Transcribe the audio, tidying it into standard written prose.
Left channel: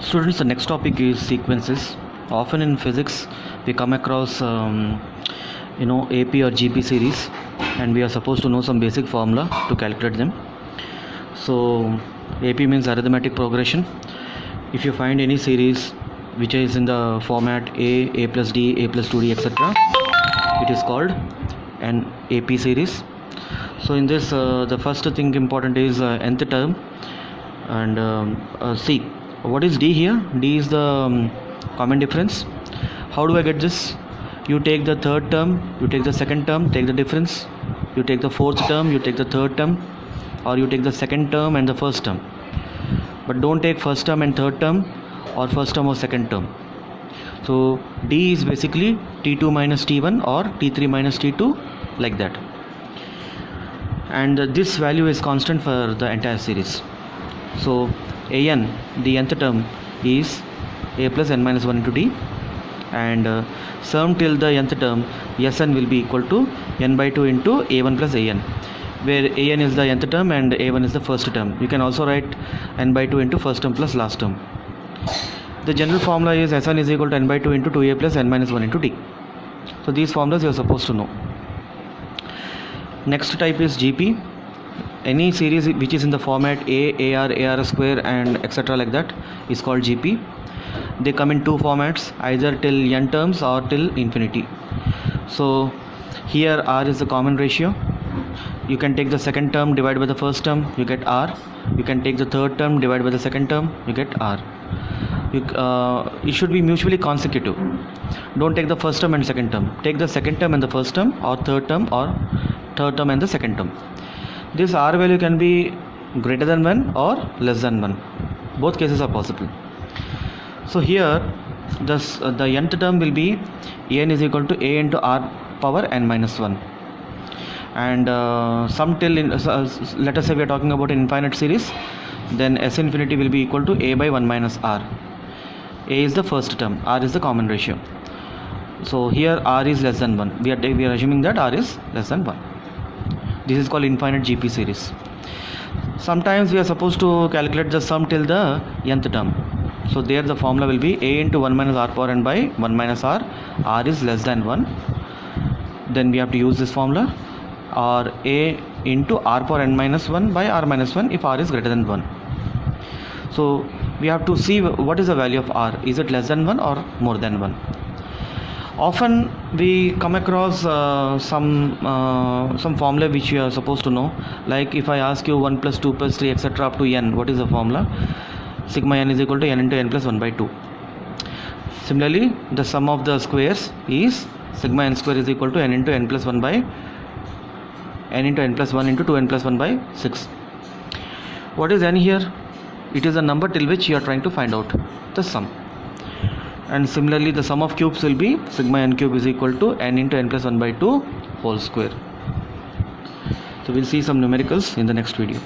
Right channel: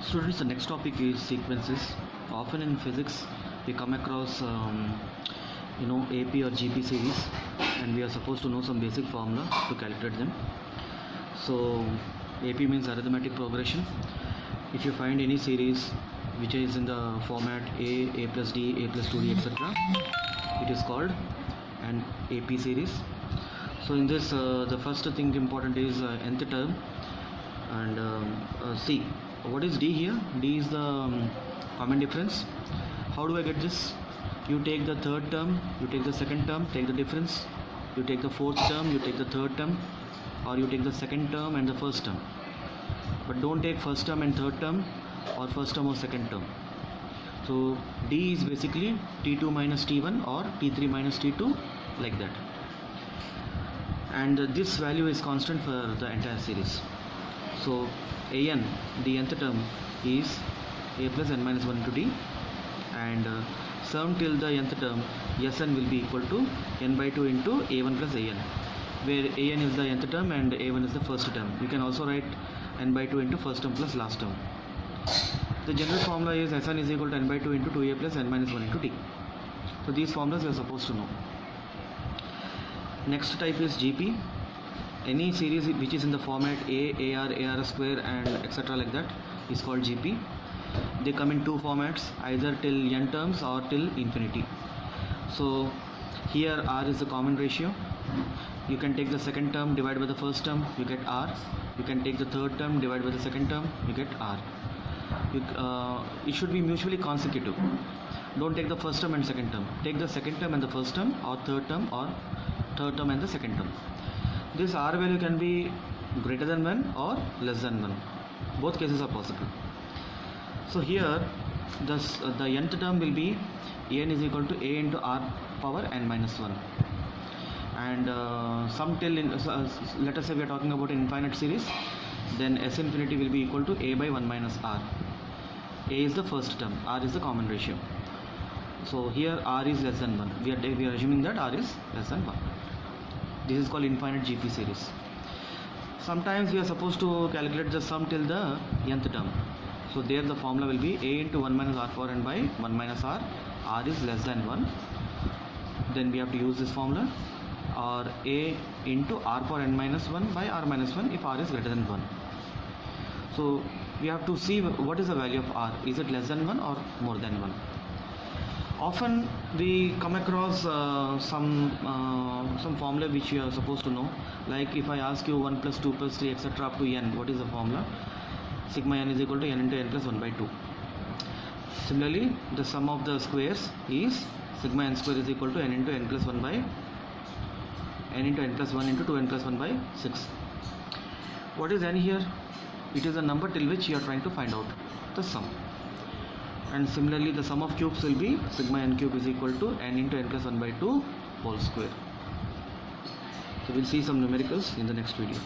Students, the next topic is sequences. Often in physics, we come across AP or GP series, and we are supposed to know some basic formula to calculate them. So AP means arithmetic progression. If you find any series which is in the format a plus d, a plus 2d, etc., it is called an AP series. So in this, the first thing important is nth term, and see what is d here. D is the common difference. How do I get this? You take the third term, you take the second term, take the difference. You take the fourth term, you take the third term, or you take the second term and the first term. But don't take first term and third term, or first term or second term. So d is basically t2 minus t1 or t3 minus t2, like that. And this value is constant for the entire series. So an, the nth term, is a plus n minus 1 into d, and sum till the nth term Sn will be equal to n by 2 into a1 plus an, where an is the nth term and a1 is the first term. You can also write n by 2 into first term plus last term. The general formula is Sn is equal to n by 2 into 2a plus n minus 1 into d. So these formulas you are supposed to know. Next type is GP. Any series which is in the format A, AR, AR square, and etc. like that is called GP. They come in two formats, either till n terms or till infinity. So here R is the common ratio. You can take the second term divided by the first term, you get R. You can take the third term divided by the second term, you get R. It should be mutually consecutive. Don't take the first term and second term. Take the second term and the first term, or third term and the second term. This R value can be greater than 1 or less than 1. Both cases are possible. So here the nth term will be n is equal to a into r power n minus 1, and sum till let us say we are talking about an infinite series, then S infinity will be equal to a by 1 minus r. A is the first term, r is the common ratio. So here r is less than 1. We are assuming that r is less than 1. This is called infinite GP series. Sometimes we are supposed to calculate the sum till the nth term. So there the formula will be a into 1 minus r power n by 1 minus r. R is less than 1. Then we have to use this formula, or a into r power n minus 1 by r minus 1 if r is greater than 1. So we have to see what is the value of r. Is it less than 1 or more than 1? Often we come across some formula which you are supposed to know. Like if I ask you 1 plus 2 plus 3 etc. up to n, what is the formula? Sigma n is equal to n into n plus 1 by 2. Similarly, the sum of the squares is sigma n square is equal to n into n plus 1 by n into n plus 1 into 2n plus 1 by 6. What is n here? It is a number till which you are trying to find out the sum. And similarly, the sum of cubes will be sigma n cube is equal to n into n plus 1 by 2 whole square. So we'll see some numericals in the next video.